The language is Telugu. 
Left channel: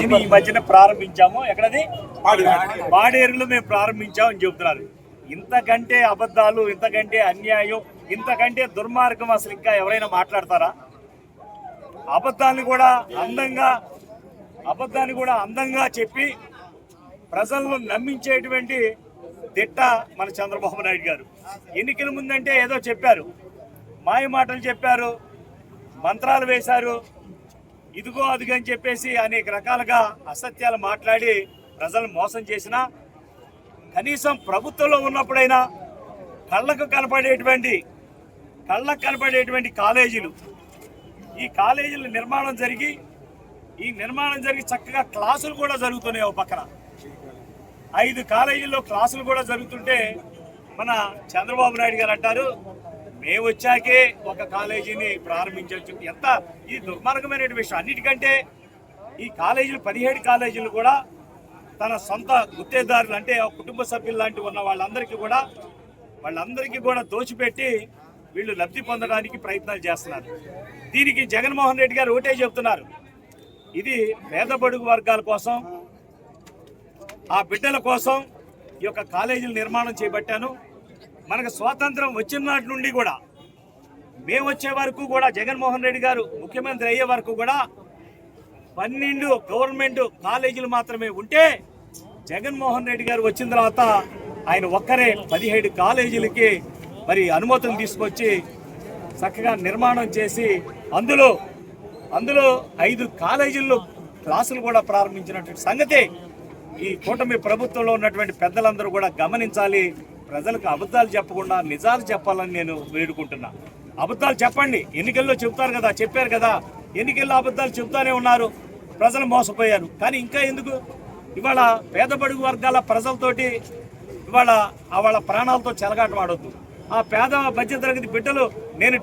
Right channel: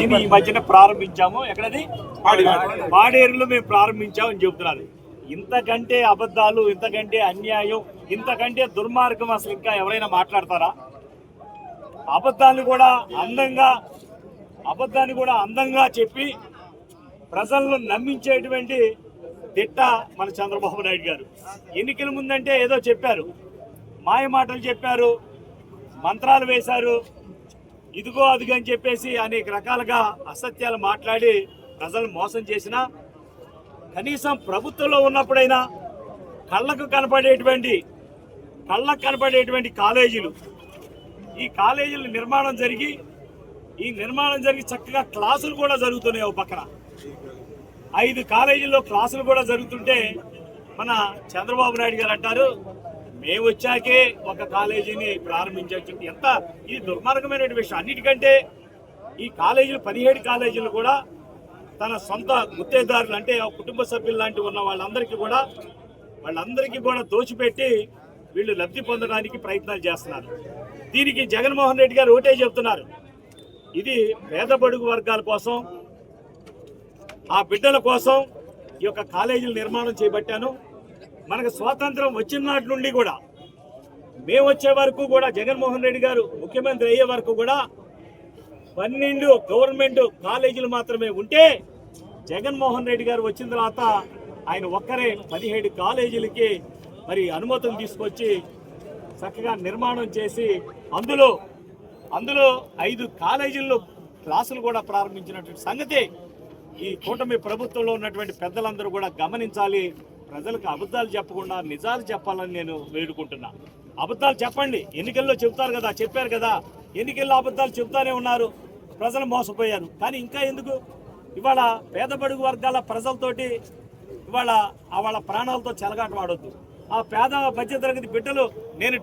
దీన్ని ఈ మధ్యన ప్రారంభించాము. ఎక్కడది పాడేరులో మేము ప్రారంభించామని చెబుతున్నారు. ఇంతకంటే అబద్ధాలు, ఇంతకంటే అన్యాయం, ఇంతకంటే దుర్మార్గం అసలు ఇంకా ఎవరైనా మాట్లాడతారా? అబద్ధాన్ని కూడా అందంగా చెప్పి ప్రజలను నమ్మించేటువంటి దిట్ట మన చంద్రబాబు నాయుడు గారు. ఎన్నికల ముందంటే ఏదో చెప్పారు, మాయ మాటలు చెప్పారు, మంత్రాలు వేశారు, ఇదిగో అదిగో అని చెప్పేసి అనేక రకాలుగా అసత్యాలు మాట్లాడి ప్రజలను మోసం చేసినా కనీసం ప్రభుత్వంలో ఉన్నప్పుడైనా కళ్ళకు కనపడేటువంటి కాలేజీలు, ఈ కాలేజీల నిర్మాణం జరిగి చక్కగా క్లాసులు కూడా జరుగుతున్నాయి. ఒక పక్కన 5 కాలేజీల్లో క్లాసులు కూడా జరుగుతుంటే మన చంద్రబాబు నాయుడు గారు అంటారు మేము వచ్చాకే ఒక కాలేజీని ప్రారంభించవచ్చు. ఎంత ఇది దుర్మార్గమైన విషయం. అన్నిటికంటే ఈ కాలేజీలు 17 కాలేజీలు కూడా తన సొంత గుత్తేదారులు అంటే కుటుంబ సభ్యులు లాంటి ఉన్న వాళ్ళందరికీ కూడా దోచిపెట్టి వీళ్ళు లబ్ధి పొందడానికి ప్రయత్నాలు చేస్తున్నారు. దీనికి జగన్మోహన్ రెడ్డి గారు ఒకటే చెప్తున్నారు, ఇది పేద బడుగు వర్గాల కోసం, ఆ బిడ్డల కోసం ఈ యొక్క కాలేజీలు నిర్మాణం చేపట్టాను. మనకు స్వాతంత్రం వచ్చిన నాటి నుండి కూడా మేము వచ్చే వరకు కూడా జగన్మోహన్ రెడ్డి గారు ముఖ్యమంత్రి అయ్యే వరకు కూడా 12 గవర్నమెంట్ కాలేజీలు మాత్రమే ఉంటే జగన్మోహన్ రెడ్డి గారు వచ్చిన తర్వాత ఆయన ఒక్కరే 17 కాలేజీలకి మరి అనుమతులు తీసుకొచ్చి చక్కగా నిర్మాణం చేసి అందులో 5 కాలేజీల్లో క్లాసులు కూడా ప్రారంభించినటువంటి సంగతి ఈ కూటమి ప్రభుత్వంలో ఉన్నటువంటి పెద్దలందరూ కూడా గమనించాలి. ప్రజలకు అబద్ధాలు చెప్పకుండా నిజాలు చెప్పాలని నేను వేడుకుంటున్నా. అబద్ధాలు చెప్పండి, ఎన్నికల్లో చెప్తారు కదా, చెప్పారు కదా, ఎన్నికల్లో అబద్ధాలు చెప్తానే ఉన్నారు, ప్రజలు మోసపోయారు. కానీ ఇంకా ఎందుకు ఇవాళ పేద బడుగు వర్గాల ప్రజలతోటి ఇవాళ వాళ్ళ ప్రాణాలతో చెలగాటమాడొద్దు. ఆ పేద మధ్యతరగతి బిడ్డలు నేను